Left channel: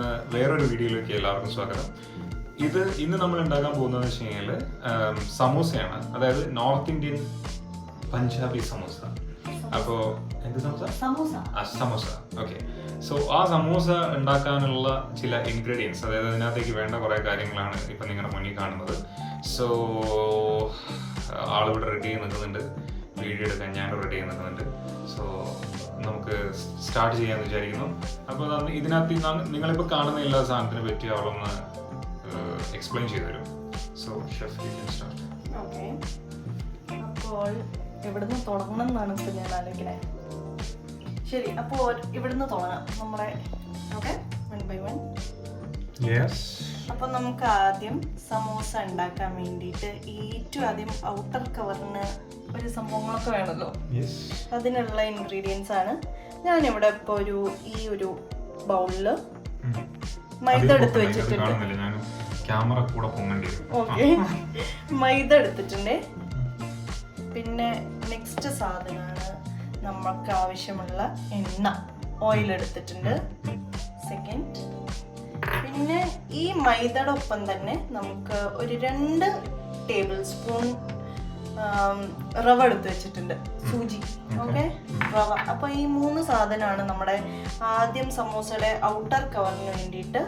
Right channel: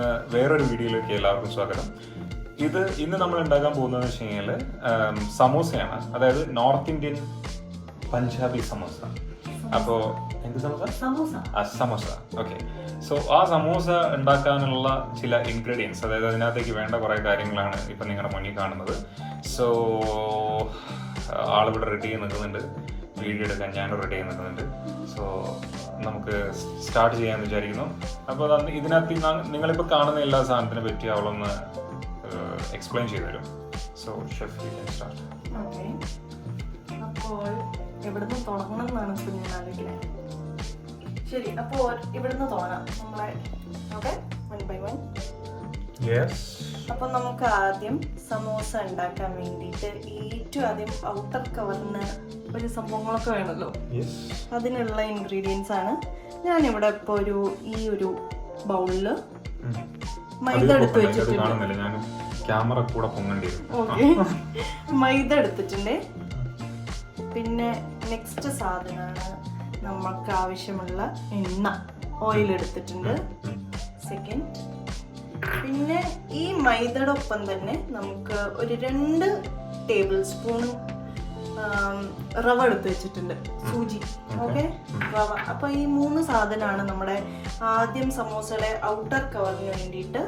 എന്ന വേറൊരു വീഡിയോയിലേക്ക് എല്ലാവർക്കും സ്വാഗതം. ഇന്ന് നമ്മൾ ഉണ്ടാക്കാൻ പോകുന്നതെന്ന് വെച്ച് കഴിഞ്ഞാൽ സമൂസയാണ്. അതായത് നോർത്ത് ഇന്ത്യൻ പഞ്ചാബി സമൂസ. അപ്പോൾ എന്ത് സമൂസ? ഓക്കെ. സോ ആ സമൂസ ഉണ്ടാക്കാനുള്ള ചില ഇൻഗ്രീഡിയൻസ്, അതായത് അതിനകത്തേക്ക് വേണ്ട കുറേ കാര്യങ്ങളാണ് ഇപ്പം നിങ്ങളുടെ മുന്നിൽ കാണുന്നത്. സോ ആളിവിടെ റെഡി ചെയ്ത് നിൽക്കുന്നുണ്ട്, വീഡിയോ എടുക്കാൻ ഞാൻ റെഡി ചെയ്ത് നിൽക്കുന്നുണ്ട്. സോ നമുക്ക് സ്റ്റാർട്ട് ചെയ്യാമെന്ന് വിചാരിക്കുന്നു. അപ്പോൾ ഇതിനകത്ത് നിങ്ങളിപ്പോൾ കാണുന്ന എല്ലാ സാധനത്തിനെ പറ്റി അവളൊന്ന് എക്സ്പ്ലെയിൻ ചെയ്തു തരും. So chef, you can start. Okay, അപ്പോൾ ഇവിടുന്ന് തുടങ്ങണം എന്നാണ് ഇപ്പം ഞാൻ ആലോചിക്കുന്നത്. ശരി, അപ്പോൾ ഇവിടുന്ന് തുടങ്ങാം നമ്മളെ. Okay, 1 by 1. യെസ്. അപ്പോൾ നമുക്ക് ആദ്യം സമോസ ഉണ്ടാക്കാൻ വേണ്ടിയിട്ട് ഏറ്റവും ആദ്യം ഔട്ടർ കവറിന് ഒരു സംഭവങ്ങളൊക്കെ വേണമല്ലോ. അതിനുള്ള ഇൻഗ്രീഡിയൻസ് ആണ് ഞാനിവിടെ ഇപ്പോൾ ഈ ഒരു ബൗളില് മൈദ എടുത്ത് വെച്ചിട്ടുണ്ട്. ഓക്കെ, മൈദ എടുത്തിട്ടുണ്ട്. പിന്നെ നെക്സ്റ്റ് സാധനമാണ് നമുക്ക് ആവശ്യമുള്ള എണ്ണ, ഓയിൽ എടുത്തിട്ടുണ്ട്. സെക്കൻഡ്, പിന്നെ ഈ മൈദയുടെ ഒപ്പം തന്നെ നമുക്ക് ഒരു 2 ടേബിൾ സ്പൂൺ റവ എടുത്ത് വെച്ചിട്ടുണ്ട്, സൂചി. ഓക്കെ, റവ. അപ്പൊ ഈ 3 സാധനമാണ് നമ്മുടെ ആദ്യം സമോസയുടെ ഔട്ടർ കവറിന് വേണ്ടിയിട്ട്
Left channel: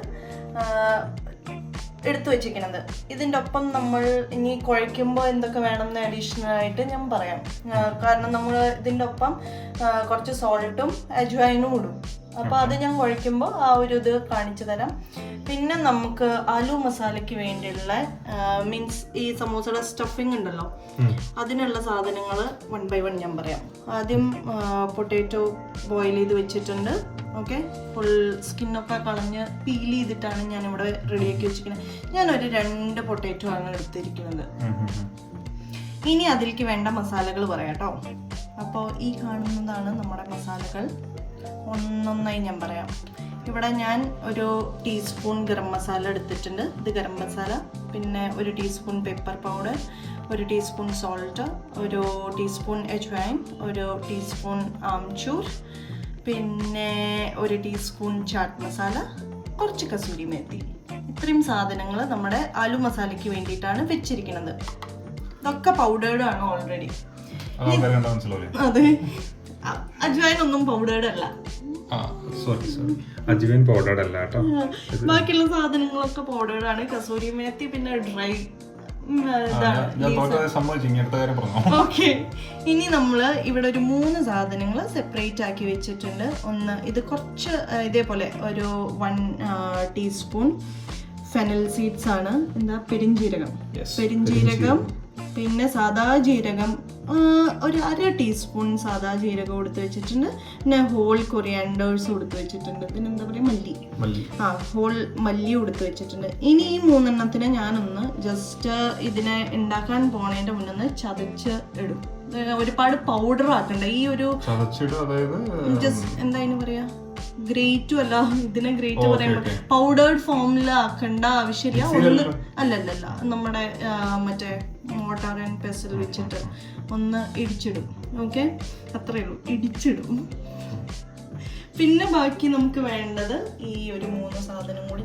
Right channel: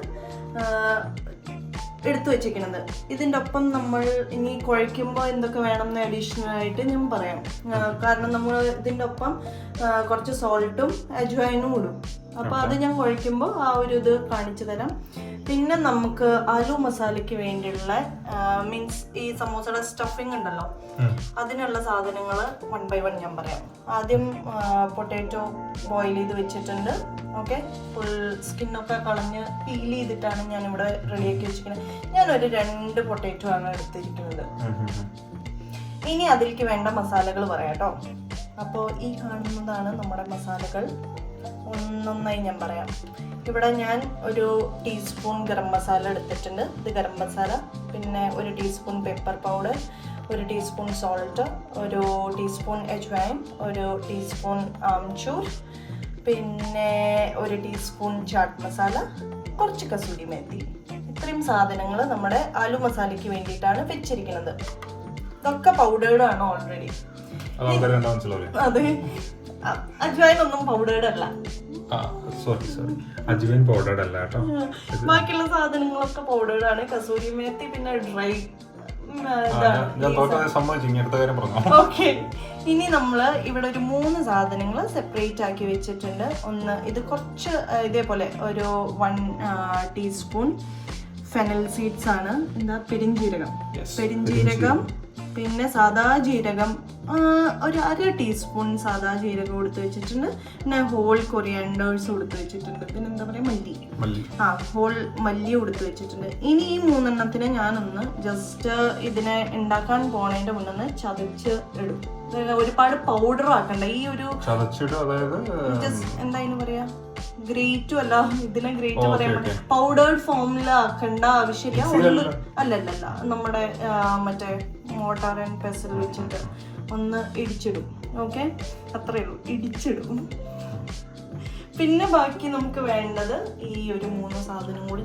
എടുത്തു വെച്ചിരിക്കുന്നത്. ഇതിൻ്റെ ഒപ്പം നമ്മൾ ഇനി കുഴയ്ക്കുമ്പോൾ എന്തൊക്കെ വേണമെന്ന് അഡീഷണൽ ആയിട്ട് ഞാൻ പറയാം. കാരണം നമ്മൾ ഇതിൻ്റെ ഒപ്പം കുറച്ച് സോൾട്ടും അജ്വൈനും ഇടും. അപ്പോൾ അത് ഞാൻ കുഴയ്ക്കുമ്പോൾ ആ ഒരു ഇത് കാണിച്ചു തരാം. പിന്നെ നമുക്ക് ആലു മസാലയ്ക്ക് വേണ്ടിയുള്ള മീൻസ് ഈ സമോസയുടെ സ്റ്റഫിങ് ഉണ്ടല്ലോ, അതിനുള്ള സാധനങ്ങൾ 1 by 1 ഞാൻ പറയാം. ആദ്യം പൊട്ടാറ്റോ ബോയിൽ ചെയ്ത് വെച്ചിട്ടുണ്ട്. ഓക്കെ, ഫുൾ സ്കിന്നൊക്കെ കളഞ്ഞ് പീൽ ചെയ്തിട്ടാണ് ഞാനിവിടെ റെഡിയാക്കി വെച്ചിരിക്കുന്നത്. ഞാനൊരു 2 പൊട്ടാറ്റോ ആണ് എടുത്തിരിക്കുന്നത്. ഇനി അതിലേക്ക് വേണ്ട മസാലകൾ പറയാം കേട്ടോ. അപ്പോൾ ഈ കാണുന്നതാണ് നമ്മുടെ മസാലകൾ. ഒന്നൊന്നായി ഞാൻ പറയാം. ഇവിടെ ഞാൻ ഒരു ടീസ്പൂൺ ഗരം മസാല എടുത്തിട്ടുണ്ട്. ഇത് ഗരം മസാല. പിന്നെ ഒരു ടീസ്പൂൺ പെപ്പർ പൗഡർ, ഒരു ടീസ്പൂൺ സോൾട്ട്, ഒരു ടീസ്പൂൺ അജ്വൈൻ, ഒരു ടീസ്പൂൺ ആംചൂർ, പിന്നെ ഒരു ടീസ്പൂൺ ചാട്ട് മസാല, കുറച്ച് കസൂരി മേത്തി. ഇത്രയും സാധനങ്ങൾ നമ്മുടെ ആലു മസാലയ്ക്ക് വേണ്ടിയിട്ടാണ് വെച്ചിരിക്കുന്നത്. ഇതൊക്കെ പൗഡേർഡ് ആണ് ഓൾറെഡി. അതെ, അജ്വൈൻ ഒന്നും പൗഡേർഡ് അല്ല. ബാക്കിയുള്ള സാധനങ്ങളൊക്കെ പൗഡേർഡ് ആണ്. കസൂരി മേത്തി പിന്നെ ഡ്രൈ. ഓക്കെ, ഇനി നമ്മള് ഇവിടെ ഒരു 3 സാധനങ്ങൾ സെപ്പറേറ്റ് ആക്കി വെച്ചിട്ടുണ്ട്. ഒന്ന്, ഇത് കുറച്ച് ഇതേപോലെ ഒരു 1 ടീസ്പൂൺ ഫെനൽ സീഡ്സ് ആണ്. എന്താ, പെരിഞ്ജീരകം. പിന്നെ സാദാ ജീരകം ഒരു 1/2 ടീസ്പൂൺ സാദാ ജീരകം എടുത്ത് വെച്ചിട്ടുണ്ട്. പിന്നെ ഹോൾ കൊറിയാൻഡേഴ്സ് എടുത്ത് വെച്ചിട്ടുണ്ട്. പിന്നെ എന്താ പറയുക, മല്ലി. ഹോൾ മല്ലി എടുത്ത് വെച്ചിട്ടുണ്ട്. ഇനി ഈ 3 എണ്ണത്തിന് ഞാനൊന്ന് ജസ്റ്റ് ഇതിനെ ഉണ്ടാക്കാൻ പോണതിന്റെ മുന്നേ ചതച്ച് ഇടും. ഒരുപാട് പൗഡർ ആക്കണ്ട. ഈ ഒരു ജസ്റ്റ് എന്താ പറയാ, ഗ്രേറ്റും അല്ല, ഇതിനെ ഗ്രേറ്റ് പറയാൻ പൗഡേർഡ് ഫോമിൽ ആക്കേണ്ട ആവശ്യമില്ല. അല്ലല്ല, നമ്മുടെ മറ്റേ മോട്ടാർ ആൻഡ് പെസൽ വെച്ചിട്ട് ഒന്ന് ഇടിച്ചിടും. ഓക്കെ, അത്രയേ ഉള്ളൂ, ഇടിച്ചിടും. പിന്നെ ബാക്കി നമുക്ക് വേണ്ടത് ഈ ഒരു 3 സാധനം കൂടി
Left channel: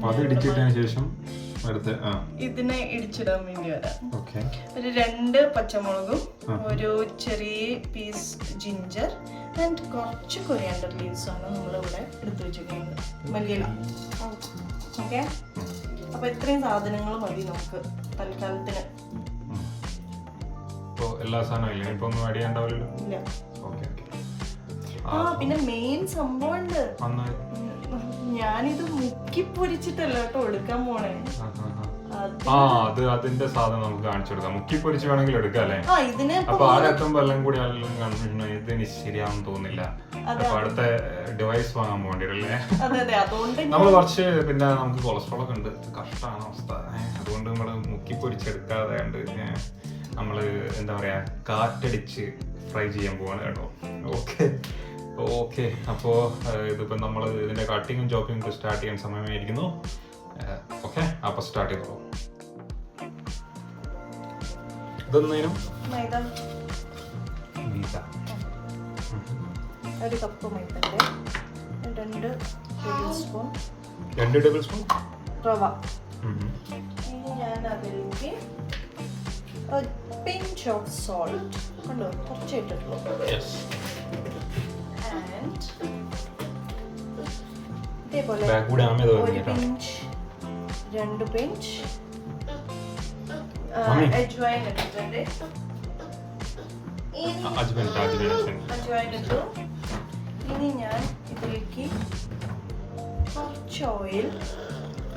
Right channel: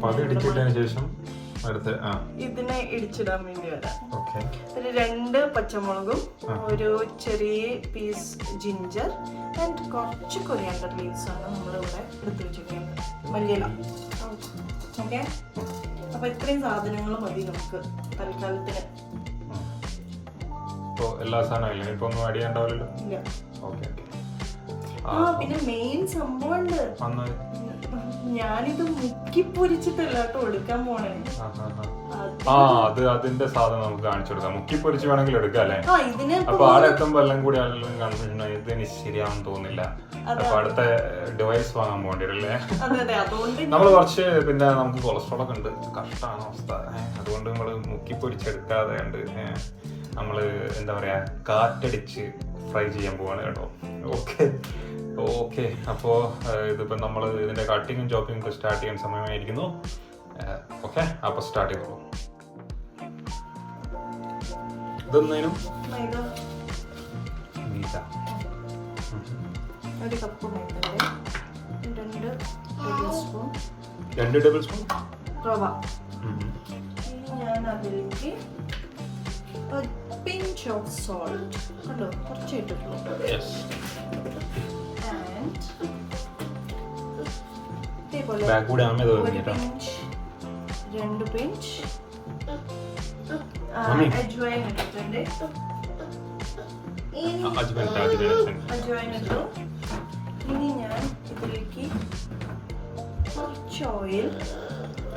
ഇതിനെ ഇടിച്ചിടാൻ വേണ്ടി വരാം. ഒരു 2 പച്ചമുളകും, ഒരു ചെറിയ പീസ് ജിഞ്ചർ ആൻഡ് കുറച്ച് കൊറിയാൻഡർ ലീവ്സ് ആണ് നമ്മളിവിടെ എടുത്തു വെച്ചിരിക്കുന്നത്, മല്ലിയില. ഓക്കെ, അപ്പൊ ഇത്രയും സാധനങ്ങൾ മതി നമുക്ക് തൽക്കാലത്തിന്. എല്ലാ സാധനവും ഇപ്പൊ ഒന്നും ആഡ് ചെയ്യണ്ടാവില്ലല്ലോ. ഇല്ല. പിന്നെ മെയിൻ സംഭവം ഉണ്ട്. ഞാനിത് മുക്കി പൊരിച്ചിട്ടല്ല കേട്ടോ എടുക്കാൻ പോണേ. അതിന്റെ സാധനം നമുക്ക് കാണിച്ചു കൊടുക്കാം. മുക്കി പൊരിച്ച് വേണമെങ്കിൽ എടുക്കാം അല്ലേ? അപ്പൊ ആടെ എത്തുമ്പോ എല്ലാം കൂടി കൺഫ്യൂഷൻ, ഇതിന് ശരിയാണെന്ന് തോന്നില്ല. അപ്പൊ അടുത്ത ഡിവൈസ് വാങ്ങാൻ പോകേണ്ടിരല്ലേ? നമ്മള് കുറച്ച് പിന്നെ നമുക്ക് കൊളസ്ട്രോൾ ഒക്കെ ഉണ്ട്, കഷ്ടമാണ് അവസ്ഥ. അതുകൊണ്ട് നമ്മള് മുക്കി പൊരിച്ചെടുക്കാതെ ഉണ്ട് നമ്മള് എന്താ പറയാ, കാറ്റടിച്ച് ഫ്രൈ ചെയ്യാൻ പോവാണ് കേട്ടോ. ഓക്കെ, അപ്പോ ഇതിപ്പോ നമ്മൾ ഇതിന്റെ കട്ടിങ്ങും ചോപ്പിങ്ങും സ്റ്റാർട്ട് ചെയ്യാൻ സമയമായിരിക്കുന്നു. ഓക്കെ, അപ്പൊ സ്റ്റാർട്ട് ചെയ്തോളൂ. ഇതൊന്നേനും ഒരു കപ്പ് മൈദ, 2 ടേബിൾ സ്പൂൺ 2 ടേബിൾ സ്പൂൺ റവ. ഇനി ഞാൻ അതിലേക്ക് പിഞ്ച് ഓഫ് സോൾട്ട് കണ്ടോ, കുറച്ച് ഇട്ടിട്ടുള്ളൂ. ആൻഡ് ഇതേപോലെ ഒരു പിഞ്ച്, 2 പിഞ്ച് അജ്വൈൻ ഇട്ടിട്ടുണ്ട്. ഇനി ഞാൻ ഇതിലേക്ക് കുറച്ച് ഓയിൽ,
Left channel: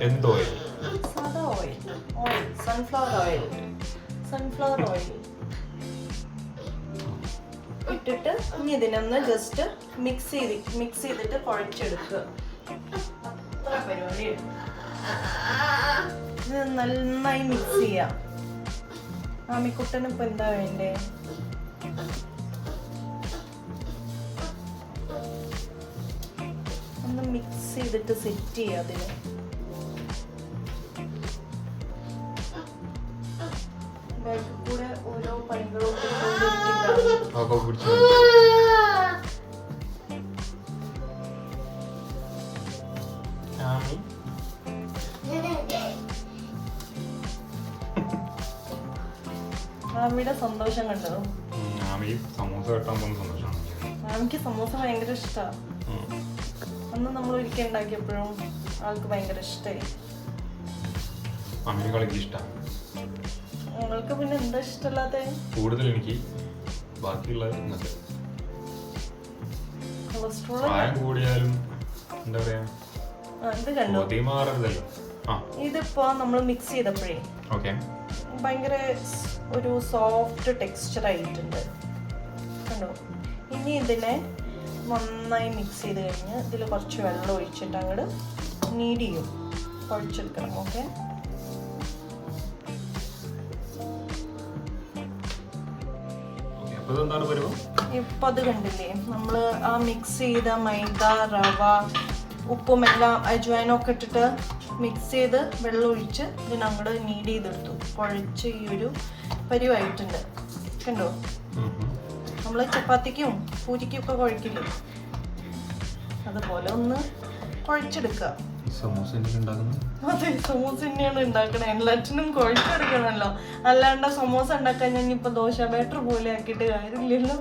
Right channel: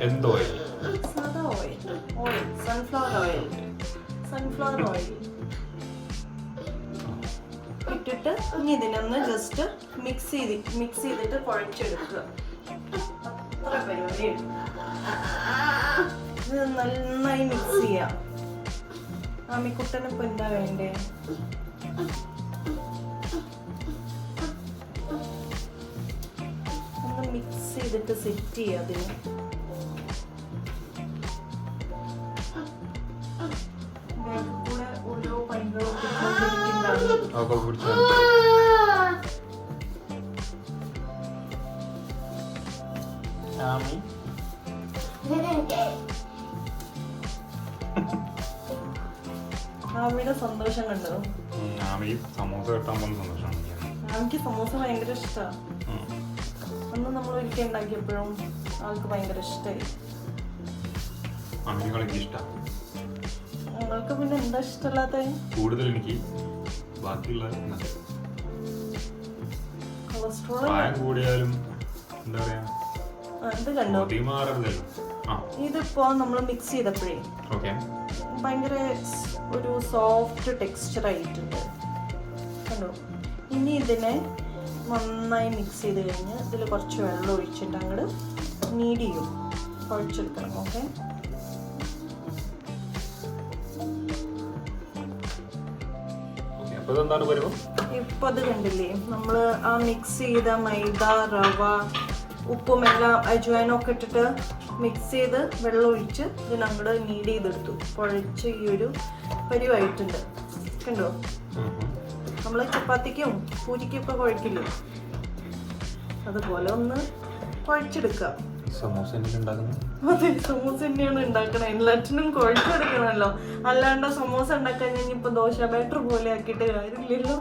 എന്ത് ഓയിൽ? സാധാ ഓയിൽ, സൺഫ്ലവർ ഓയിൽ ഇട്ടിട്ട് ഇനി ഇതിനൊന്ന് ജസ്റ്റ് മിക്സ് ചെയ്തിട്ട് കുഴച്ചെടുക്കുക. അത്ര പരിപാടി. ഇത് നന്നായി മിക്സ് ചെയ്യാം. ആമിക്കുട്ടന് ഇപ്പൊ എന്താ വേണ്ടേ? ഒന്ന് മിക്സ് ചെയ്തിട്ട് സെറ്റ് ചെയ്യാം. അതിന് കൂടെ ഓരോ ഭയങ്കര ആമിയുടെ സന്തോഷം കണ്ടോ? ആമിക്ക് സമൂസ ഭയങ്കര ഇഷ്ടമാണ്. അന്ന് നമ്മൾ ഒരിക്കൽ ഉണ്ടാക്കിയപ്പോഴും ആൾക്ക് ഭയങ്കര ഇഷ്ടമായി. നിങ്ങൾക്ക് പിന്നെ എന്താ ഇഷ്ടമില്ലാത്ത? കൂടുതൽ എനിക്ക് ബാക്കിയുള്ള പ്രായം കൂടിയാലും എന്താ പറയാ, ഇതിപ്പോ നമ്മൾ മിക്സ് ചെയ്തപ്പോഴേ ഭയങ്കര ഒരു സോഫ്റ്റ് ടെക്സ്ചർ ആയിട്ടുണ്ട് കണ്ടോ. ഇനി ഇതിനെ നന്നായി മിക്സ് ചെയ്ത് കഴിഞ്ഞ് ഇതിൽ കുറച്ച് വെള്ളം ഒഴിച്ചിട്ട് അങ്ങോട്ട് നീഡ് ചെയ്യും, കുഴച്ചെടുക്കണം. ഓക്കെ, ഇപ്പൊ അത് കണ്ടില്ലേ, നമ്മള് ആ മിക്സ് ചെയ്ത മൈദ, റവ, ഉപ്പും എല്ലാം അജ്വൈനും ഒക്കെ ഇട്ടിട്ട് മിക്സ് ചെയ്ത് വെള്ളം ഒഴിച്ച് ഇതിനങ്ങോട്ട് നീഡ് ചെയ്തെടുത്തു. കുഴച്ച് ഈ ഒരു പരിവായിട്ടുണ്ട് കണ്ടോ. നമ്മള് ചപ്പാത്തിക്കും പൂരിക്കും ഒക്കെ കുഴക്കില്ലേ, അതുപോലെ ഒന്ന് കുഴച്ചെടുക്കുക. അതെ, സമൂസ തന്നെയാണ് ഉണ്ടാക്കണേ. എല്ലാറ്റിനും കുഴച്ചെടുക്കണമല്ലോ. അല്ലാണ്ട് സമൂസ ഉണ്ടാക്കാൻ ഞാൻ ഇപ്പൊ ദോശ ബാറ്റർ പോലെ ആക്കിയിട്ട് കാര്യമില്ലല്ലോ.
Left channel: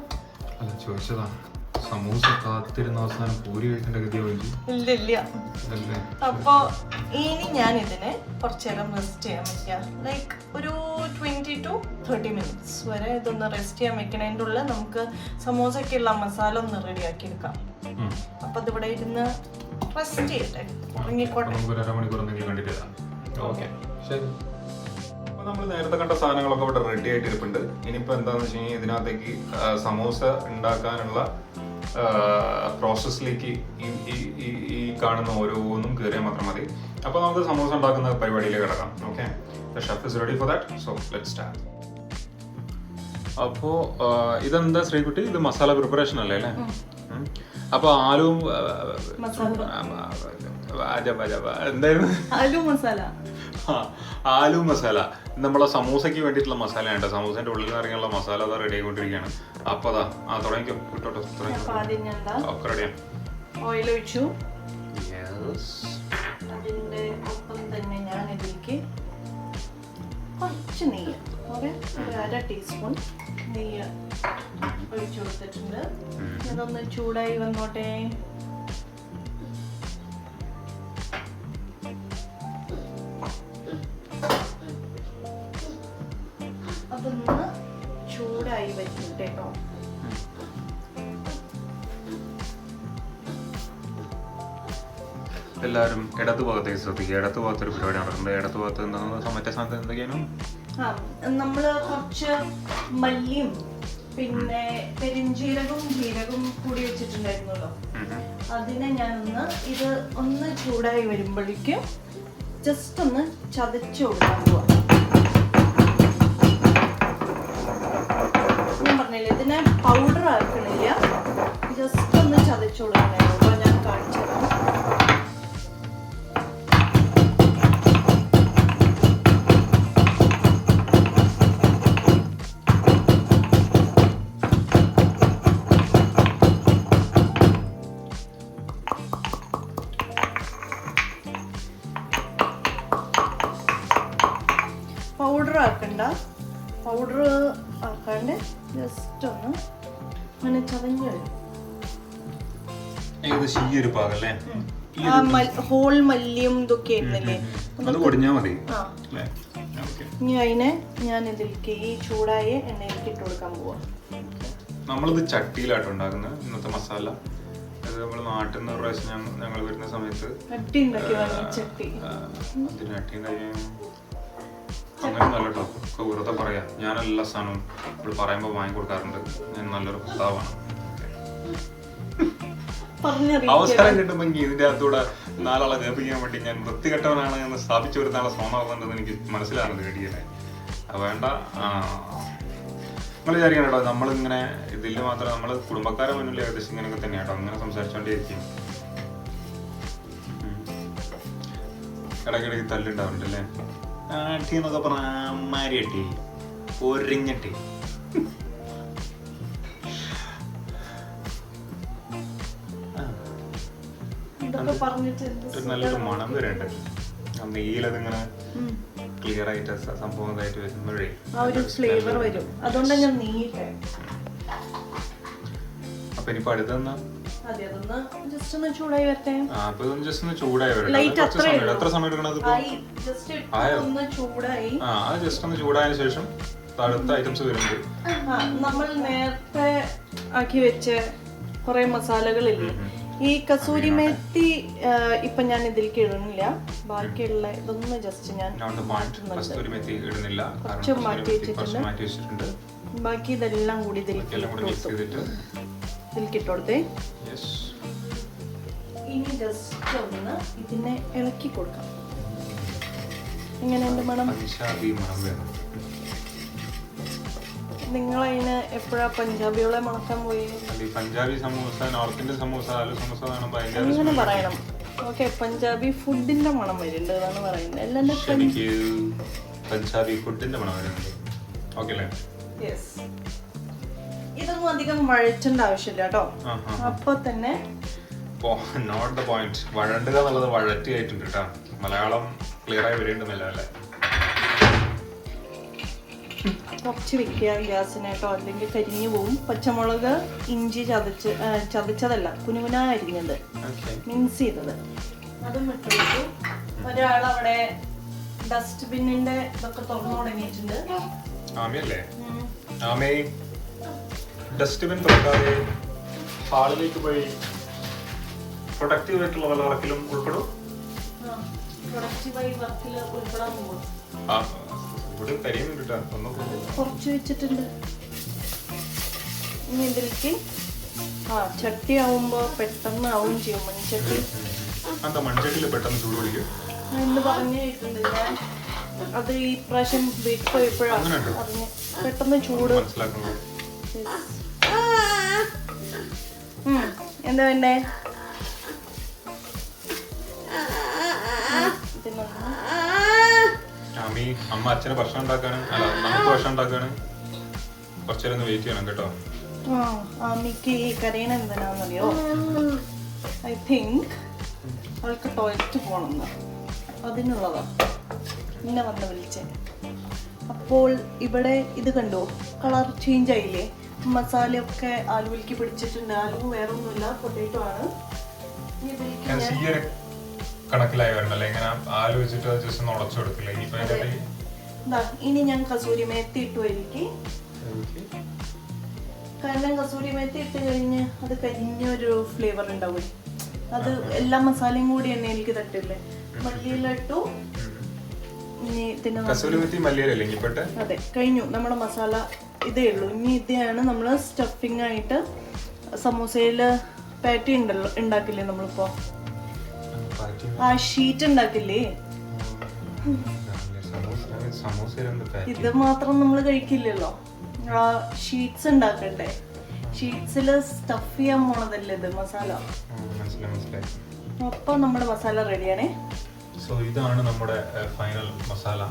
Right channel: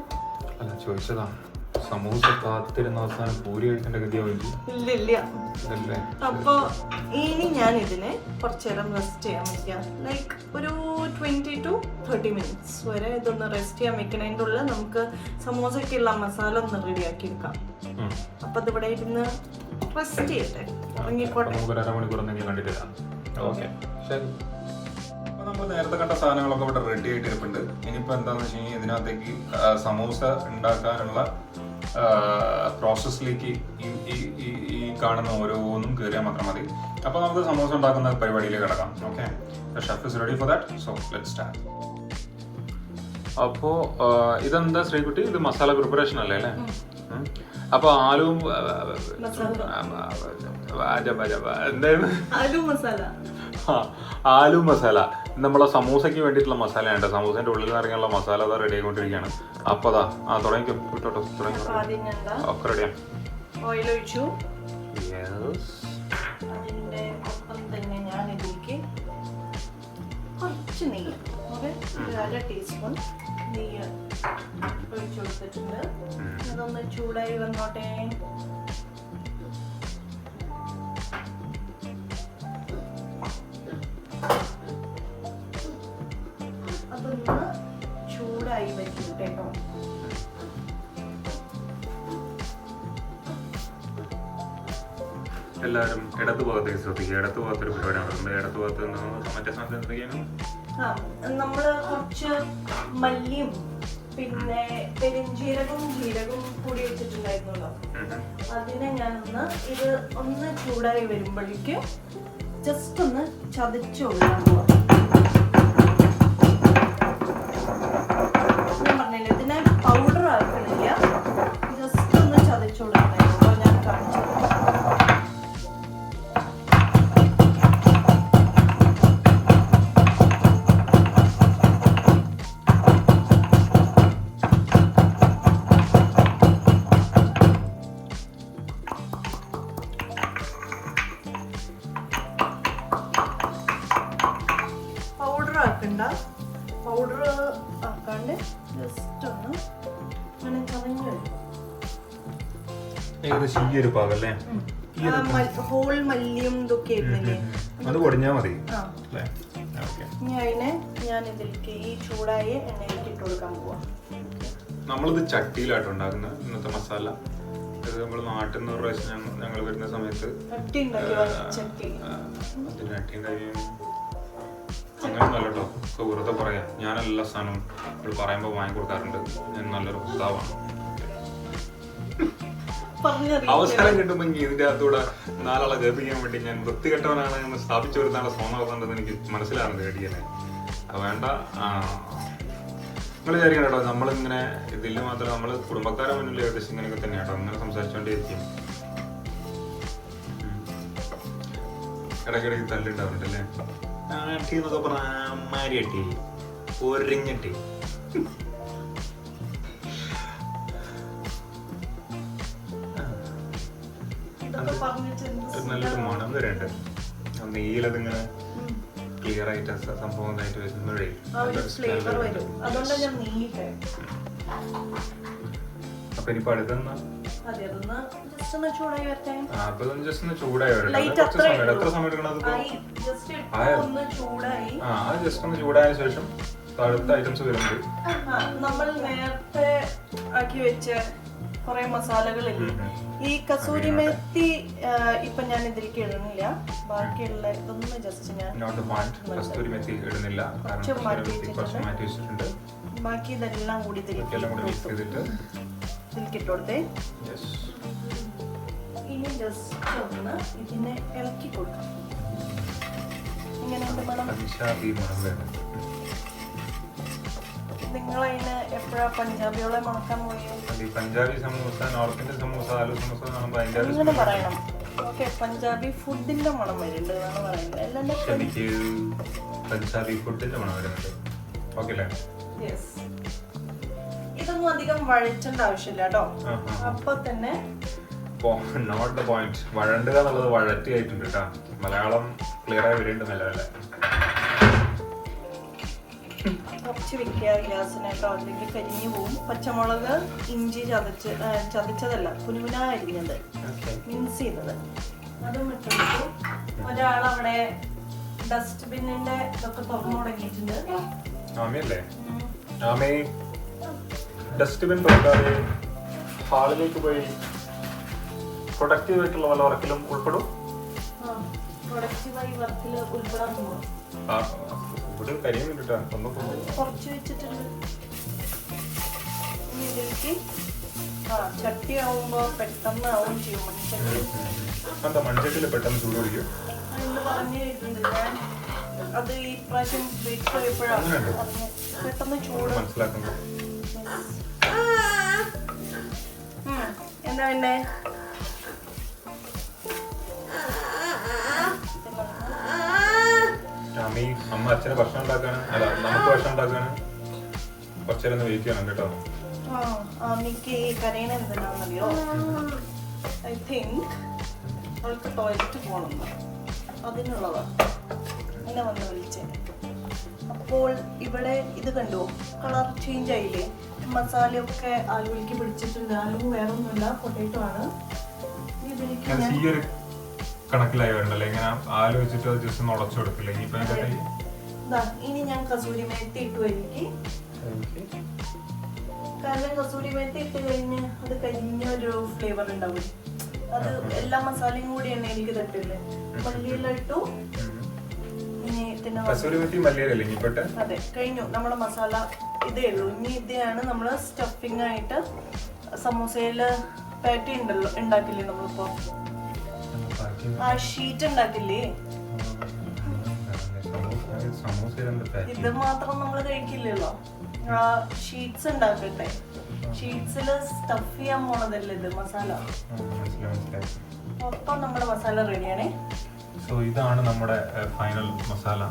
സമൂസ കാത്തിരുന്ന അവസാനം പൂരി കഴിക്കേണ്ട ഇല്ല. അപ്പൊ ഇനി ഞാൻ ഇതിനെ കുറച്ചു നേരം റെസ്റ്റ് ചെയ്യാൻ വെക്കാം. ലൈക്ക് ഒരു 20 to 30 minutes വരെ ഇതൊന്ന് റെസ്റ്റ് ചെയ്യാൻ വെക്കണതിൻ്റെ ഉള്ളിൽ നമുക്ക് സമൂസക്കുള്ള മസാല ഒന്ന് റെഡിയാക്കി എടുക്കാം. അപ്പൊ അതിവിടെ ഇരുന്ന് റെസ്റ്റ് ചെയ്യട്ടെ, ഇറങ്ങിക്കോട്ടെ. നമ്മൾ നേരത്തെ കണ്ട സാധനങ്ങളൊക്കെ ഇവിടെ റെഡി ആയിട്ട് ഇരിപ്പുണ്ട്. ഇനിയിപ്പോ എന്താന്ന് വെച്ച് കഴിഞ്ഞാൽ ഇതിനകത്തേക്ക് സമൂസ ഉണ്ടാക്കാനുള്ള പ്രോസസ്സിലേക്ക് ഈ കാണുന്ന ഓരോന്നും കയറിയാൽ മാത്രം മതി. അപ്പൊ നമുക്ക് സമൂസ ഉണ്ടാക്കുന്ന പരിപാടിയിലേക്ക് കിടക്കാം. Okay, chef is ready for that, so let's start. അപ്പോ ഇതെന്താ ശ്രീകുട്ടി, ഇത് മസാല പ്രിപ്പറേഷൻ അല്ലേ അല്ലേ? അപ്പൊ ആലും എന്തായിരുന്നു? ആലു മസാല നമ്മളെ സമൂസയ്ക്ക് വേണ്ടിയിട്ടുള്ള മസാലയാണ്. സമൂസന്റെ ഉള്ളിൽ നിന്ന് ഇറങ്ങിയുള്ള മസാല അതാ റെഡി ആയിക്കൊണ്ടിരിക്കുകയാണ്. അപ്പൊ അതാ തുടങ്ങിക്കോ, വിട്ടോട്ടോ, തുടങ്ങിക്കോ. ഒക്കെ റെഡിയാണ്. ഓയിൽ ഒഴിച്ചു. അതിന്റെ ഒപ്പം തന്നെ ഞാൻ ഇതിലേക്ക് കുറച്ച് നെയ്യ്, ഒരു 1/2 ടീസ്പൂൺ നെയ്യ് ഒഴിച്ചു കൊടുത്തിട്ടുണ്ട്. അതൊന്ന് ചൂടായി വന്നോട്ടെ. അതൊന്ന് ചൂടായി വരട്ടെ കേട്ടോ. എല്ലാവരും ഇടതു ഭാഗത്തേക്ക് ശ്രദ്ധിക്കുക. ഇടതു ഭാഗത്തൊരു പരിപാടി നടക്കുന്നത്. ഇടതു ഭാഗത്ത് മറ്റേ സാധനം എന്തൊക്കെയാണ്? നമ്മള് കുറച്ച് മല്ലിയും പിന്നെ പെരിഞ്ചീരകവും ജീരകവും കൂടി വെച്ചിട്ടുണ്ടായിരുന്നല്ലോ. അതിനെ ഞാനൊന്ന് ഇത് ഒന്ന് ചൂടായി വരുമ്പോഴേക്കും ജസ്റ്റ് ഒന്ന് ചതച്ചു കൊടുക്കാൻ പോവാം. ഞാൻ പറഞ്ഞില്ലേ, ഇതിനെ പൗഡർ ആക്കണില്ല, ജസ്റ്റ് ഒന്ന് ചതച്ചു കൊടുക്കണേ. ഞാൻ കാണിച്ചത് അങ്ങനെ ചതഞ്ഞു വരും. ഏകദേശം ഈ ഒരു പാകല്ലേ, ഹോൾ മല്ലിയും ഇതൊക്കെ ആയിരുന്നില്ലേ, അത് പൊടിഞ്ഞാൽ മതി. ഇനി അതിനെ ഞാൻ ഇതിലേക്ക് ഈ ചൂടായ എണ്ണയിലേക്ക് ഇട്ട് കൊടുക്കാൻ പോവാ. നമ്മളിത് ചട്ടിയിലാട്ടോ ഉണ്ടാക്കുന്നത് ഇന്നത്തെ മസാല. ഇത് നമ്മൾ നാട്ടിൽ നിന്ന് ഒരു പ്രാവശ്യം ഞങ്ങൾ വരുന്ന സമയത്ത് ചട്ടി ഉണ്ടാക്കി അങ്ങനെ നല്ല കേട്ടോ. വെറുതെ പറയാം, ഞാൻ എല്ലാ സാധനവും ഇവിടെ പറയുമ്പോൾ വാങ്ങി കൊടുക്കാറുണ്ട്. ഞാൻ നല്ലൊരു ഭർത്താവാണ്. അവസരം കിട്ടുമ്പോൾ ഇതിന്റെ അകത്തൂടെ നാലാളെ കേൾപ്പിക്കാൻ വേണ്ടി ഞാൻ വൃത്തികെട്ടവനാണ് എന്ന് സ്ഥാപിച്ചു വരുന്നാളെ സോമാകുന്നുണ്ടെന്ന് എനിക്ക് മനസ്സിലാകുന്നത് കേട്ടിയല്ലേ. വേണ്ട, നിങ്ങൾ വിചാരിക്കണം കേട്ടോ, നമ്മളിങ്ങനെ ഇതിൽ മാത്രം നമ്മൾ കുടുംബക്കാരെ മുന്നിൽ ഏകദേശം ഇങ്ങനെയൊക്കെ തന്നെയാണ് കേട്ടോ, അങ്ങനെ സംസാരിച്ചോണ്ടേയിരിക്കും. ഇടയ്ക്കിടയ്ക്ക് തല്ലുണ്ടാവുന്നുണ്ട് അല്ലേ. ആട്ടി എന്നൊക്കെ പറഞ്ഞാൽ അമ്മാരി അട്ടി, ഒരിഞ്ഞട്ടി. നല്ലൊരു മണം വരണ്ട്. നെയ്യിലത് ഇങ്ങനെ ക്ലിയർ ആയിട്ട് സംഭവം ആയിട്ട് വരുമ്പോഴേ അപ്പൊ ഇനിയിപ്പോ അടുത്തെന്നാ ജസ്റ്റ് ഒന്ന് ചൂടായി വരട്ടെ. എത്ര സമയം എടുക്കണത്? അത് ജസ്റ്റ് ഒന്ന് ചൂടായതിനു ശേഷം അടുത്ത ഐറ്റംസ് വരുന്നത് നമ്മൾ നേരത്തെ ആക്കി വെച്ച കുറെ മസാലകളില്ലേ. ഈ കസൂരി മേത്തി ഇപ്പൊ ഞാൻ ഇതിലേക്ക് ഇടുന്നില്ല, ബാക്കിയുള്ള ഇതൊന്ന് ജസ്റ്റ് ഞാൻ കുറച്ച് മാറ്റി വെച്ചിട്ടുണ്ട്. ബാക്കി ഇതെല്ലാം കൂടി ഇതിലേക്ക് ഇട്ടോടത്തെ. ഇനി ജസ്റ്റ് ഒന്ന് ഇതിനെ ഇളക്കി കൊടുക്കാം. ഇങ്ങനെയുണ്ട് മണം. നിങ്ങളതിന് എപ്പോഴാ പഞ്ചാബികളെ മണക്കാൻ പോയി? പഞ്ചാബി സമൂസ, നോർത്ത് ഇന്ത്യൻ സമൂസ, ആലു സമൂസ അങ്ങനെ പറയണം. ഓക്കെ, പഞ്ചാബി ഫുഡിന്റെ മണം വരുന്നുണ്ട് എന്നാണ് പറയുന്നത്. എല്ലാം പഞ്ചാബി ഫുഡിന്റെ മണം വരുന്നുണ്ട്. ഇതൊന്നും അധികം വഴറ്റേണ്ട ആവശ്യമില്ല കേട്ടോ. അപ്പൊ തന്നെ നോട്ട് ദ പോയിന്റ്. വഴണ്ടുക എന്നുള്ളത് വഴറ്റി ആയിട്ടുണ്ട് കേട്ടോ. മലയാളം ക്ലിയർ ആയി വരുന്നുണ്ട്. നല്ല കുറച്ച് വെക്കുക ഗ്യാസിനേട്ടോ, അല്ലെങ്കിൽ കരിഞ്ഞു പോവും. പച്ചമുളക്, ഇഞ്ചി ചതച്ചതല്ല, കുനുകുനാ അരിഞ്ഞത്, മിക്സ് ചെയ്തത്, അതും ഇട്ടിട്ടു. ഒരാളവിടെ ഡസ്റ്റ്ബിന്നിന്റെ ഇതൊക്കെ തുറന്നു തുടങ്ങിയിട്ടുണ്ട്. ഡസ്റ്റ്ബിൻ തുറക്കാതെ ഹാളിലേക്ക് പോയി പ്രൊഡക്റ്റീവ് ആയിട്ടുള്ള വല്ല വർക്കിലും ഉൾപ്പെടും. പ്രൊഡക്റ്റീവായി വർക്കിൽ ഉൾപ്പെടാൻ പോകാം. കുറച്ച് വെച്ചിട്ടുണ്ട്. ഇനി ഇതിലേക്ക് ചട്ടി ആവുമ്പോ പെട്ടെന്ന് ആവും ചെയ്യും. മൺചട്ടിയിൽ പെട്ടെന്ന് ചൂട് പിടിക്കും എന്ന് പറഞ്ഞിട്ടുണ്ട്. ഞാൻ അത് ഈ പ്രാവശ്യം വെയിറ്റ് പോയപ്പോഴാണ് പെട്ടെന്ന് ചൂട് മനസ്സിലാക്കുന്നത്. എന്താ വേണ്ടേ? അമ്മ അച്ഛന് ഭക്ഷണം ഉണ്ടാക്കാനും അല്ല നമുക്ക് ഭക്ഷണം ഉണ്ടാക്കാനും കുറച്ചേരം വെയിറ്റ് ചെയ്യണം കേട്ടോ. അമ്മയ്ക്ക് ഈ കരയണ എന്താണെന്നറിയോ? ഐ തിങ്ക് അവൾക്ക് ടോയ്ലറ്റ് പോകണം, അതിനുള്ളതാ എന്നെ വന്ന് വിളിച്ചേ. അപ്പോൾ ഇവിടെ ഇത് കണ്ടോ, കളർ ചേഞ്ച് ആയില്ലേ? മസാലയൊക്കെ ആലുവിലേക്ക് പിടിച്ചിട്ടുണ്ട്. ആലു വേറെ ഒന്നുമില്ല, പൊട്ടേറ്റോ ആണ്. ഇനി ഞാൻ കസൂരി മേത്തി ഇട്ടു എനിക്ക്. കാരണം കസൂരി മേത്തി ഇട്ട് കഴിഞ്ഞ് അത് കരിഞ്ഞൊരു ഫ്ലേവർ ഉണ്ടാവും. അത് എല്ലാ മസാലയും കൂടി തന്നെ എനിക്ക് തട്ടില്ലേ. മല്ലിയിലിട്ടു. അതെ, കഴിഞ്ഞു നമ്മുടെ മസാല. ഇതേ ഉള്ളൂ. ഇനി ഇതാണ് നമ്മള് സ്റ്റഫിംഗ് ആയിട്ട് സമൂസയില് പാറ്റി ഉണ്ടല്ലോ, ഉണ്ടാക്കില്ലേ നമ്മളിപ്പോ ആ ഷീറ്റ് ഉണ്ടാക്കില്ലേ, ഇത് മാത്രം നമ്മൾ കഴിക്കില്ലല്ലോ. ആ ഷീറ്റ്സ് ഉണ്ടാക്കട്ടെ. ഷീറ്റ്സില് സ്റ്റഫ് ചെയ്യാൻ പോണതല്ലേ ഇത് മസാല. അപ്പൊ നമ്മുടെ മസാല റെഡിയാണേ. സോ ഇതാണ് നമ്മുടെ ഫൈനൽ മസാല.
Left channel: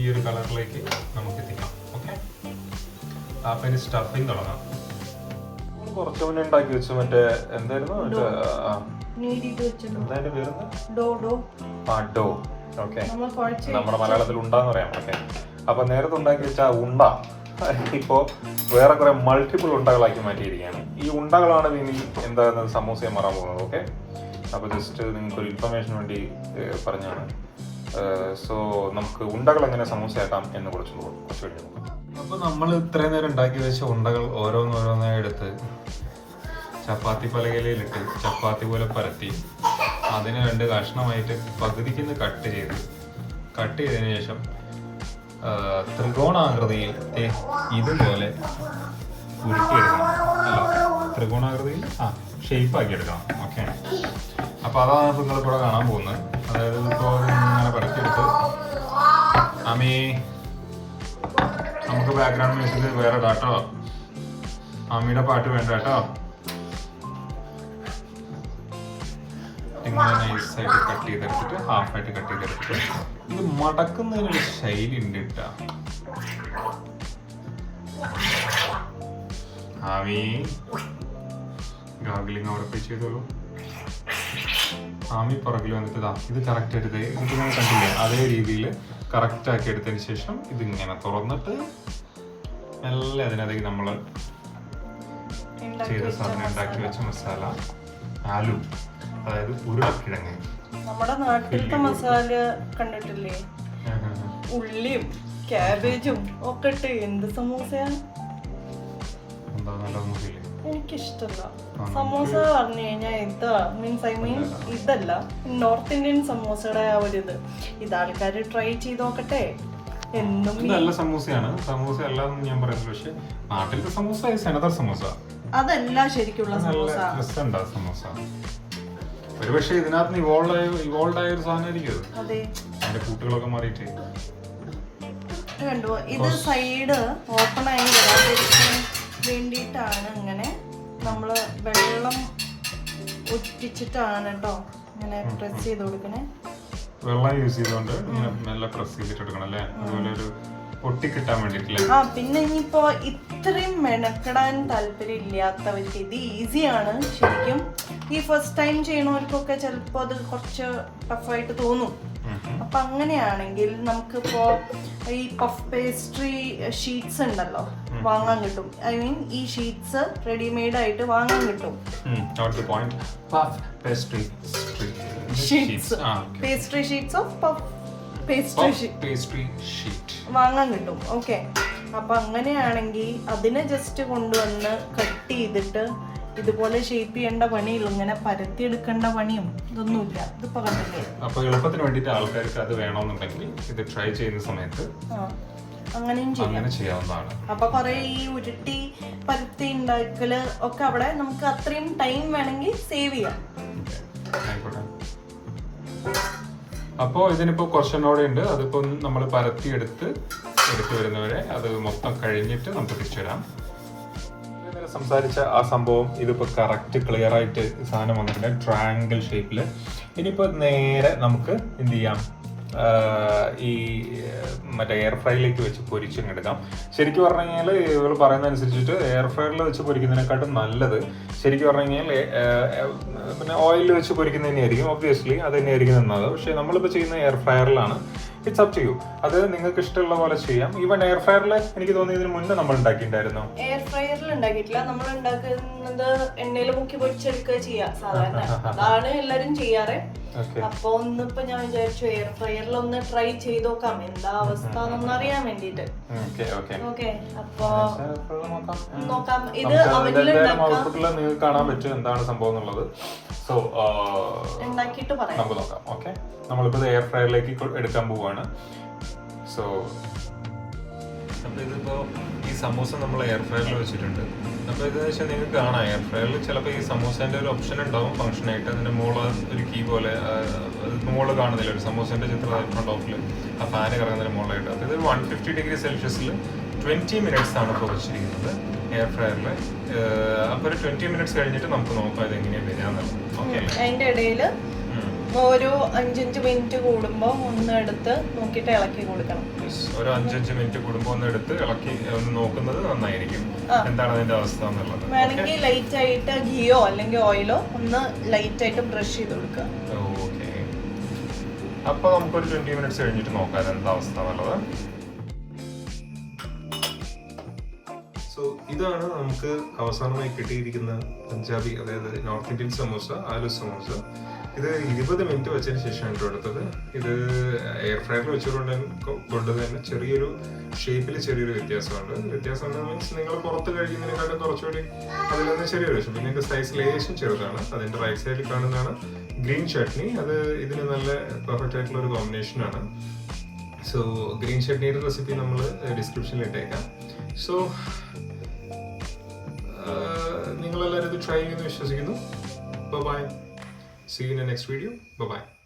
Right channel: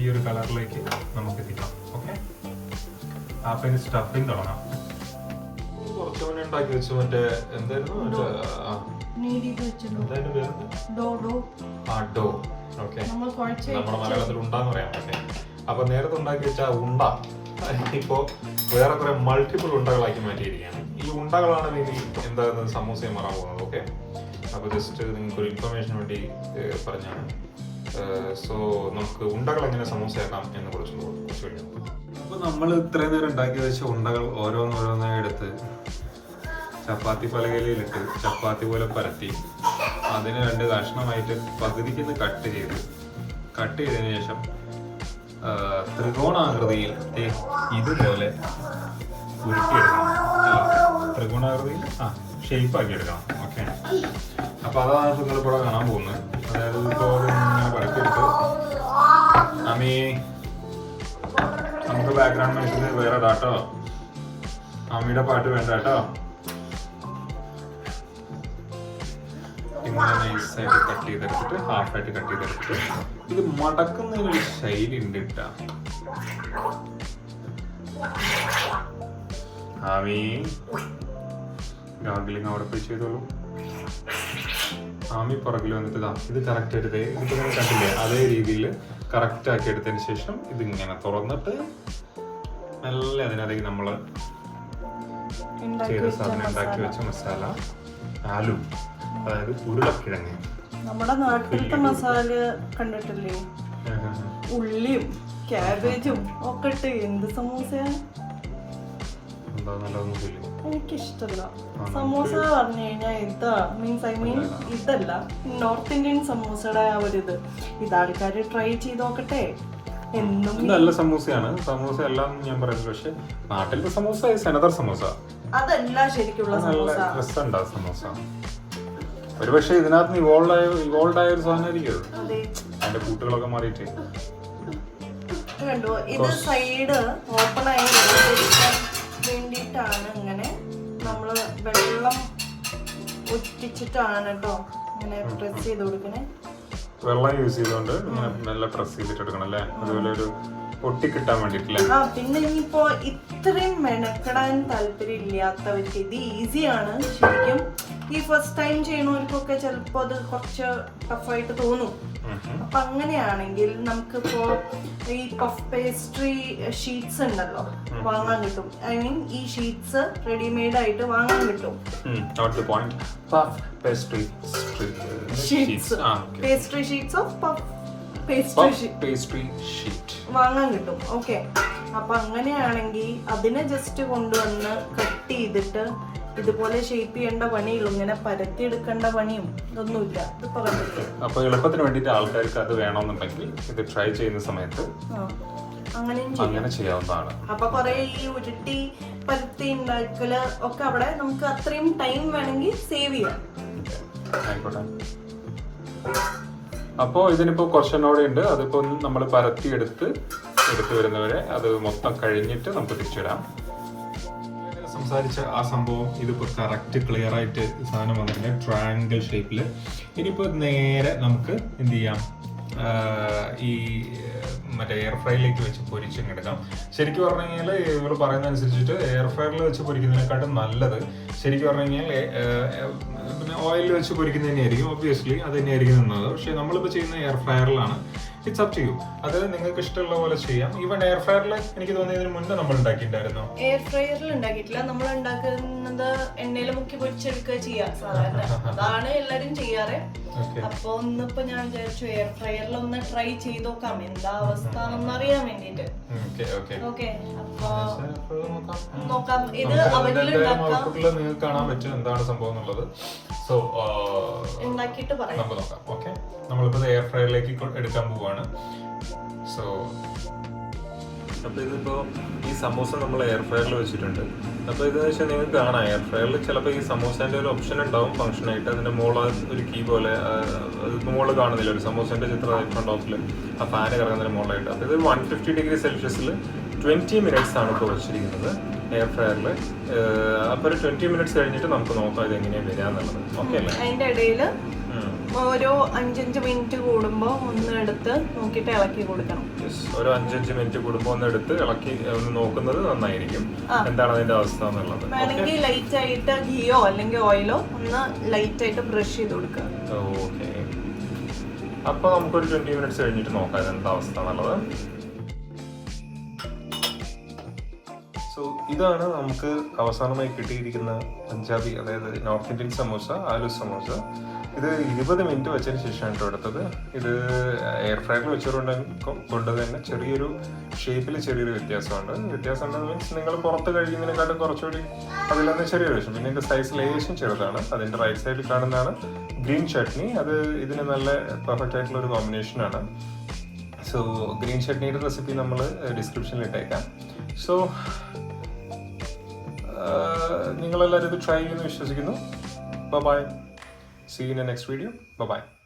ഈ ഒരു കളറിലേക്ക് നമുക്ക് എത്തിക്കാം. ഓക്കെ, അപ്പൊ ഇനി സ്റ്റഫിങ് തുടങ്ങാം. കുറച്ചു മുന്നേ ഉണ്ടാക്കി വെച്ചു മറ്റേ എന്തായിരുന്നു ഡോ. ഓക്കെ, നമ്മുടെ മലയാളത്തിൽ ഉണ്ടാന്ന് പറയാം. ഓക്കെ, അപ്പൊ നേരത്തെ ഉണ്ടാക്കി വെച്ച ഉണ്ട ഇപ്പോ വേറെ കുറെ മൾട്ടിപ്പിൾ ഉണ്ടകളാക്കി മാറ്റിയിരിക്കുകയാണ്. ഈ ഉണ്ടകളാണെങ്കിൽ എന്താണ് സമൂസയെ മാറാൻ പോകുന്നത്. ഓക്കെ, അപ്പോൾ ജസ്റ്റ് നിങ്ങൾക്ക് ഒരു ഇൻഫർമേഷൻ വേണ്ടി പറഞ്ഞാണ്. സോ നമുക്ക് ഉണ്ടകൾ എങ്ങനെ സമൂസയാക്കാം എന്ന് കുറിച്ച് ചോദിക്കും. അപ്പോൾ നമ്മൾ ഇത്രയും നേരം ഉണ്ടാക്കി വെച്ച ഉണ്ടകൾ ഓരോന്നോരോന്നായി എടുത്ത് ചപ്പാത്തി പലകയിലിട്ട് ചപ്പാത്തി പോലെ പരത്തി അതിന് 2 കഷ്ണമായിട്ട് പകുതിക്ക് കട്ട് ചെയ്തതിന് ശേഷം ത്രികോണാകൃതിയിൽ ഇതുപോലെ ഉരുട്ടിയെടുക്കണം. ത്രികോണാകൃതിയിൽ ഷേപ്പാക്കി എടുക്കണം. ഓക്കെ, അപ്പോൾ അതാണ് നിങ്ങളിപ്പോൾ കാണാൻ പോകുന്നത്. അതായത് ഇപ്പോൾ ഇങ്ങനെ പരത്തിയെടുത്ത് നമുക്ക് ബാക്ക്ഗ്രൗണ്ട് മ്യൂസിക് വേറെ ഇടാട്ടോ. അമ്മിയുടെ പാട്ട് വേണ്ട കേട്ടോ. ഇങ്ങനെ നൈസായിട്ട് കട്ട് ചെയ്തെടുത്തിട്ട് ഹാഫായിട്ട് കട്ട് ചെയ്തെടുത്തിട്ട് ഇത് മടക്കുന്നതിനൊരു ശൈലി ഉണ്ട് കേട്ടോ. ഗാഗിലിങ് അവിടെ പോയി ചെയ്തോളൂ. പുറകിൽ വന്നിട്ട് ഇത് കറക്റ്റ് എടുത്ത് ഇതിങ്ങനെ കണ്ടില്ലേ, അതേ രീതിയിൽ കറക്റ്റ് ആക്കി എടുത്തതിന് ശേഷം ഇതിങ്ങനെ തുറന്നിട്ട് നല്ല അതിനകത്തേക്ക് നമ്മൾ ചെയ്ത സാധനം ഉണ്ടാക്കി വെച്ച മസാല ആലു, അതായത് ഉരുളക്കിഴങ്ങ്. നമ്മുടെ നാട്ടിലത്തെ മസാല കണ്ടിട്ടില്ലേ, ഉള്ളിയും ക്യാബേജും ഒക്കെ ഇട്ട് എന്ത് സമൂസയാണ്. എനിക്കിഷ്ടല്ല സമൂസ പറഞ്ഞു കഴിഞ്ഞാൽ ഇതല്ല നോർത്ത് ഇന്ത്യൻ സമൂസയുടെ ആ ഒരു ഇത് ആൾക്കാര് ട്രൈ ചെയ്ത് നോക്കട്ടെ. എന്നും നല്ല സമൂസയാണ്. സമൂസ എല്ലാം ഞാൻ പറയുന്നത്, പക്ഷെ നാട്ടിലത്തെ സമൂസ അനദർ സമൂസ അതല്ല ശരിക്കുള്ള നല്ല രസമുണ്ടാ സമൂസ. ഒരു പക്ഷെ ഇതിനകത്ത് ഇവോൾവ് ആയ ഒരു സാധനമായിരിക്കും അത്. അതിന്റെ കൂട്ടുകളൊക്കെ മാറിയിട്ട് കണ്ടു. ഇത് സൈഡ് ഓപ്പൺ ആയി വരാതിരിക്കാൻ വേണ്ടിയിട്ടാണ് ഇങ്ങനെ നമ്മള് വെള്ളം ഒറ്റിച്ചിട്ടാണ് കേട്ടോ ഇങ്ങനെ പ്രസ് ചെയ്ത് കൊടുക്കണേ. വെള്ളം യൂസ് ചെയ്തുകൊണ്ട് ഇങ്ങനെ മെല്ലെ പ്രസ് ചെയ്തിട്ട് എടുക്കണം അല്ലേ, അതുപോലെ ഒരു ഒട്ടിക്കിട്ടാൻ വേണ്ടിട്ടില്ലേ. പിന്നെ ഇനിയിപ്പോ ഇത്രയും മെനക്കെടാൻ താല്പര്യം ഇല്ലാത്തവർക്ക് ഇത് ഈസിയാണ് ശരിക്കും. ഈ ഫസ്റ്റ് ടൈം ചെയ്യണവർക്കൊക്കെ ചിലപ്പോ അത് കുറച്ച് ടഫായിട്ട് തോന്നും. അപ്പൊ അങ്ങനെയാണെങ്കിൽ നമുക്കിപ്പോ ഈ പഫ് പേസ്ട്രി ഷീറ്റ്സ് ഉണ്ടല്ലോ വാങ്ങാൻ കിട്ടും. ഐ മീൻ ഈ ഷീറ്റ്സ് റെഡിമെയ്ഡ് ആയിട്ട് വാങ്ങാൻ കിട്ടും. Pastry sheets of puff pastry sheet വാങ്ങാൻ കിട്ടും. ഓക്കെ, അപ്പൊ അങ്ങനെയാണെങ്കിൽ അതിനെ ജസ്റ്റ് കൊണ്ടുവന്ന് കട്ട് ചെയ്തിട്ട് ഇതുപോലെ ഷേപ്പ് ചെയ്യേണ്ട പണിയുള്ളൂ. ഇങ്ങനെ പരത്തിയെടുക്കേണ്ട പണിയും ഇതൊന്നുമില്ല. ഇത് പറഞ്ഞില്ലേ, അപ്പൊ എളുപ്പത്തിന് വേണ്ടിയിട്ട് ആൾക്കാർക്ക് അത് വേണമെന്നുണ്ടെങ്കിൽ ഇത് ട്രൈ ചെയ്യുന്ന സമയത്ത് അങ്ങനെ ചെയ്യാവുന്നതാണ്. അപ്പൊ കൊറേ ഈ ഉരുട്ടി പരത്തി ഉണ്ടാക്കല് ഒക്കെ അവിടെ നമുക്ക് അത്രയും ടൈം വേണമെങ്കിൽ സേവ് ചെയ്യാം. ആയിക്കോട്ടെ. അപ്പോൾ ഇതിനിപ്പോൾ കുറച്ചെണ്ണോടെ ഉണ്ട്. അതിപ്പോ നമ്മൾ പരത്തി എടുത്ത് വരുന്നവരെ അത് മൊത്തം കഴിഞ്ഞിട്ട് നമുക്ക് തിരിച്ചിടാം. സംസാരിച്ച ആ സംഭവം ഇതിപ്പോ കറക്റ്റ് ക്ലിയർ ആയിട്ട് സാധനം വന്നിട്ടുണ്ട് ട്രയാങ്കിൾ ഷേപ്പിൽ. ഇനിയിപ്പോൾ നേരെ നമുക്ക് എന്ത് ചെയ്യാം, ഈ മറ്റേ എയർ ഫ്രൈയിലേക്ക് വെച്ച് പൊരിച്ചെടുക്കാം. ശരിക്കും പറഞ്ഞു കഴിഞ്ഞാൽ ഇവർ പറയുന്ന അനുസരിച്ചിട്ട് എയർ ഫ്രൈറിൽ വെച്ച് പൊരിക്കുന്നതിനെക്കാട്ടും നല്ലത് ശരിക്കും പറഞ്ഞു കഴിഞ്ഞാൽ പിന്നെ ഓയിലിൽ വെച്ച് പൊരിക്കുന്നത് തന്നെയായിരിക്കും. ഒബ്വിയസ്ലി അത് തന്നെയായിരിക്കും നല്ലത്. പക്ഷേ നമ്മളിപ്പോൾ ചെയ്യുന്ന എയർ ഫ്രയറിലാണ്. It's up to you. അത് നിങ്ങൾക്ക് ഇഷ്ടമുള്ള പോലെ ചെയ്യാം. ഈവൻ എയർ ഫ്രയറിൽ എനിക്ക് തോന്നി ഇതിന് മുന്നേ നമ്മൾ ഉണ്ടാക്കിയിട്ടുണ്ടായിരുന്നു. എയർ ഫ്രയറിൽ ഉണ്ടാക്കിയിട്ടില്ല. നമ്മൾ ഉണ്ടാക്കുന്നത് എണ്ണയിൽ മുക്കി പൊരിച്ചെടുക്കുക ചെയ്യാം സാധാരണ. അതാണ് എല്ലാരും ചെയ്യാറ്. അപ്പൊ ഒന്നിപ്പോ ഞാൻ വിചാരിച്ചു എയർ ഫ്രയറിൽ ഒന്ന് ട്രൈ ചെയ്ത് നോക്കാം എന്താ അവസ്ഥ എന്നൊന്ന് അറിയാൻ വേണ്ടിട്ട്. ഓക്കെ, അപ്പൊ നോക്കാം. ഇത് നിങ്ങൾക്ക് കാണാൻ പറ്റും എന്താണ് സംഭവം എന്നുള്ളത്. സോ ഉണ്ടാക്കിയിട്ട് പറയാം, നമുക്ക് നോക്കാം. ഓക്കെ, നമ്മളിപ്പോൾ എയർ ഫ്രയറിലേക്ക് എടുക്കാൻ പോവുകയാണ്. സോ അപ്പോൾ ഇതിപ്പോൾ ഈ സമൂസ നമ്മൾ എയർ ഫ്രയറിൽ വെച്ചിട്ടുണ്ട്. അപ്പോൾ ഇതെന്ന് വെച്ചാൽ നിങ്ങൾക്ക് കാണാം എയർ ഫ്രയറിൽ ചിലപ്പോൾ ഈ സമൂസേൻ്റെ ഒരു ഓപ്ഷൻ ഉണ്ടാവും ഫംഗ്ഷനായിട്ട്. അതിൻ്റെ മുകളിൽ ഒരു കീ പോലെ മുകളിൽ കാണുന്നില്ല ഒരു സമൂസേൻ്റെ ചിത്രം ഫ്രണ്ട് ഓഫിൽ ആ ഫാന് കറങ്ങുന്നതിന് മുകളിലായിട്ട്. അപ്പോൾ ഇത് 150 ഡിഗ്രി സെൽഷ്യസിൽ 20 മിനിറ്റ്സ് ആണ് ഇപ്പോൾ വെച്ചിരിക്കുന്നത് എയർ ഫ്രയറിൽ. അപ്പോൾ ഒരു 20 മിനിറ്റ്സ് കഴിഞ്ഞിട്ട് നമുക്ക് നോക്കാം ഇത് എങ്ങനെയാണ് വരികയെന്നുള്ളത്. ഓക്കെ അല്ലേ? അതിൻ്റെ ഇടയിൽ ഓരോ 5-5 മിനിറ്റ് കൂടുമ്പോ ഒന്ന് എടുത്ത് നോക്കിയിട്ട് ഇളക്കി കൊടുക്കണം. ഒരു 5-5 മിനിറ്റ് കൂടുമ്പോ ഒന്ന് എടുത്ത് ഇളക്കി ഒന്ന് നോക്കുന്നത് നന്നായിരിക്കും, എന്താണ് അതിന്റെ അവസ്ഥ എന്നുള്ളത്. വേണമെങ്കിൽ ലൈറ്റ് ആയിട്ട് ഗീയോ അല്ലെങ്കിൽ ഓയിലോ ഒന്ന് ലൈറ്റ് ആയിട്ട് ബ്രഷ് ചെയ്ത് കൊടുക്കുക. ഓക്കെ, അപ്പൊ നമുക്കൊരു 20 മിനിറ്റ്സ് കഴിഞ്ഞിട്ട് നോക്കാം എന്താ അവസ്ഥ എന്നുള്ളത്. സോ ഇതാണ് നമുക്ക് അവസാനമായി കിട്ടിയിരിക്കുന്ന പഞ്ചാബി, അതായത് നോർത്ത് ഇന്ത്യൻ സമോസ, ആലു സമോസ. ഇത് 20 മിനിറ്റ് വെച്ചതിന് ശേഷമാണ് കേട്ടോ എടുത്തത്. ഇത് എയർ ഫ്രയറിൽ വെച്ചുകൊണ്ട് തന്നെ ചെറിയൊരു ഷേപ്പിൽ ചെറിയൊരു വ്യത്യാസമുണ്ട്. വ്യത്യാസം മീൻസ് നിങ്ങൾ പുറത്ത് കഴിക്കുന്നതിനെക്കാട്ടും കുറച്ചുകൂടി അതിലൊന്ന് ചെറിയൊരു വിഷം. പിന്നെ ഇതിന്റെ സൈസ് ലേശം ചെറുതാണ്. അതിന്റെ റൈറ്റ് സൈഡിൽ കാണുന്നതാണ് ഗ്രീൻ ചട്നി. അത് ഇതിന് നല്ല പെർഫെക്റ്റ് ആയിട്ടുള്ള ഒരു കോമ്പിനേഷനാണ്. സോ ഗ്രീൻ ചട്നിയുടെ റെസിപ്പി നമ്മൾ ഡിസ്ക്രിപ്ഷനിൽ ഇട്ടേക്കാം. സോ നിങ്ങളെല്ലാവരും ഇത് ട്രൈ ചെയ്യുമെന്ന് വിശ്വസിക്കുന്നു. By. See you in the next video. Bye-bye.